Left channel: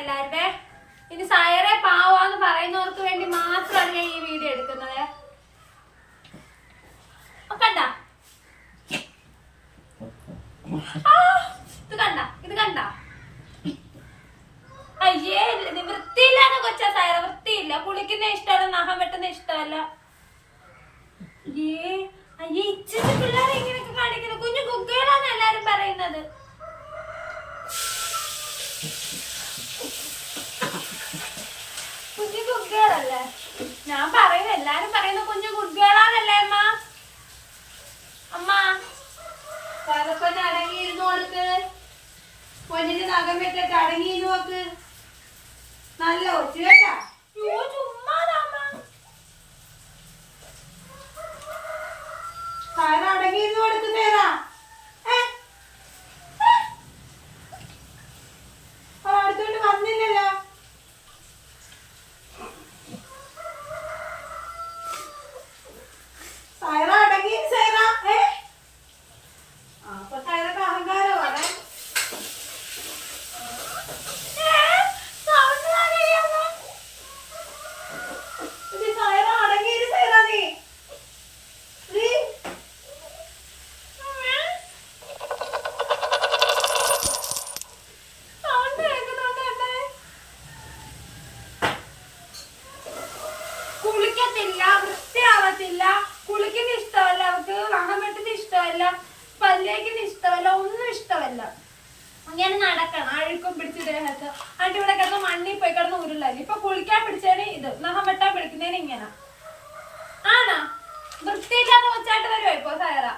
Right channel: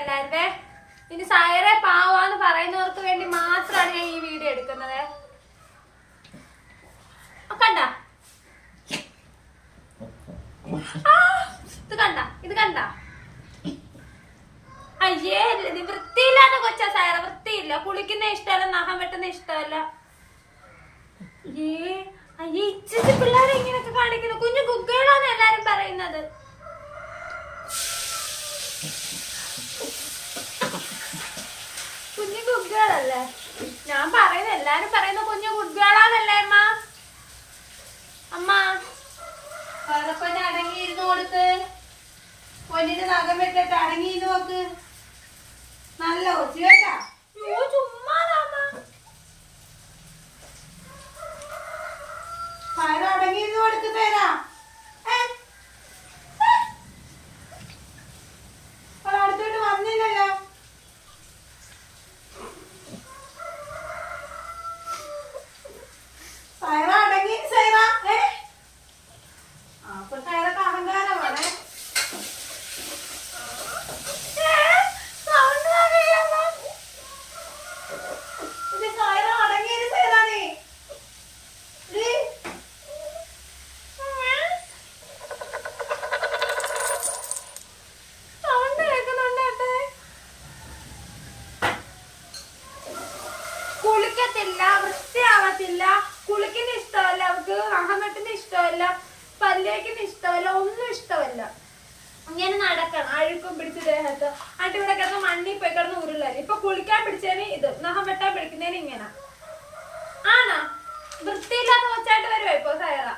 എല്ലാവരുടെ ഇനി സയറെ പാവാന്ന് പറയുന്നവർക്ക് വേണ്ടി മാത്രമാണ് ഞാൻ ഈ വീഡിയോ എടുക്കുന്നത്. കണ്ട? ഇത് കണ്ട? ഇത് കണ്ട? അയ്യേ വൃത്തിയില്ലാന്ന് കൊച്ച സയറ വൃത്തിയില്ല. കുളിക്കുന്ന ഇഷ്ടമല്ല നഖം വെട്ടുന്ന ഇഷ്ടമല്ല. ഏ അയ്യേ ഇച്ചിരി പിള്ളേരെ ഇങ്ങനെയൊക്കെ കാണിക്കുന്നു കുഞ്ഞു കുക്കുകളാണ് എല്ലാരും പറയുന്നത് കുഞ്ഞു കുക്കുകളല്ലേ ഞാൻ പറയുന്നത് എല്ലാരും പറയുന്ന കുഞ്ഞു കുട്ടികളാണല്ലേ അമ്മ? അമ്മ പരപ്പന് അടങ്ങിയിരുന്നു കൊടുത്ത് പൊന്നിന് നഖം വെട്ടിട്ട് അടങ്ങിയിരുന്നു നോക്ക് നല്ല ഒച്ചു കേട്ടാ. കുളിക്കത്തില്ല വൃത്തിയാവത്തില്ല കുളിക്കുന്ന ഇഷ്ടമല്ല അവർക്ക് അഹമെട്ടിന് ഇഷ്ടമല്ല പല്ലേക്കുന്ന ഇഷ്ടമല്ല ഒന്നും ഇഷ്ടമല്ല. ഇങ്ങനെ നടക്കണം. അഴുക്കും പിടിച്ച് ദേഹത്ത് എന്നിട്ട് ഇവിടെ കിടന്ന് മണ്ണിൽ പോയി കിടന്ന് ഉരുളൽ. ഇപ്പൊ കുളിക്കാൻ പിടിച്ചതിന് ഇത്. നഹം വെട്ടാൻ പിടിക്കുന്നതിന് ഇങ്ങനെ. ആണോ? വൃത്തിയില്ലാത്ത ഒച്ചായിട്ട് വരുമോ ഇപ്പൊ സയറ?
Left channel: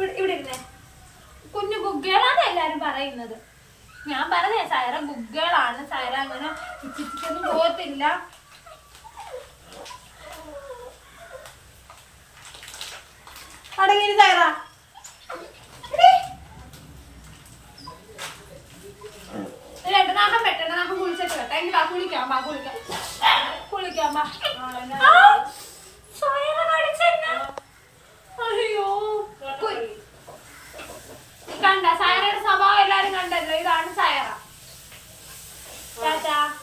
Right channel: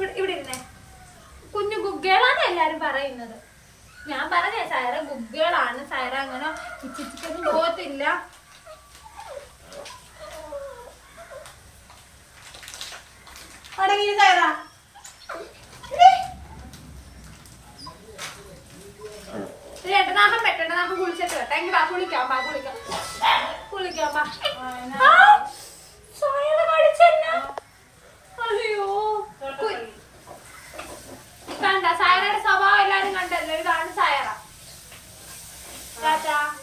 ഇവിടെ ഇരുന്നേ. കുഞ്ഞു ഗുഗ്ഗേളാണ് എല്ലാരും പറയുന്നത്. ഞാൻ പറഞ്ഞേ സൈറ ഗുഗ്ഗിളാണ് സൈറ അങ്ങനെ ഇച്ചിക്കൊന്നും പോകത്തില്ല. അടങ്ങി സൈറ. രണ്ടു നാക്കം വെട്ടണ്ട നമുക്ക് കുളിച്ചിട്ട് വെട്ടാം എങ്കിൽ വാ കുളിക്കാം വാ കുളിക്കാം കുളിക്കാം വാ ആ 大家。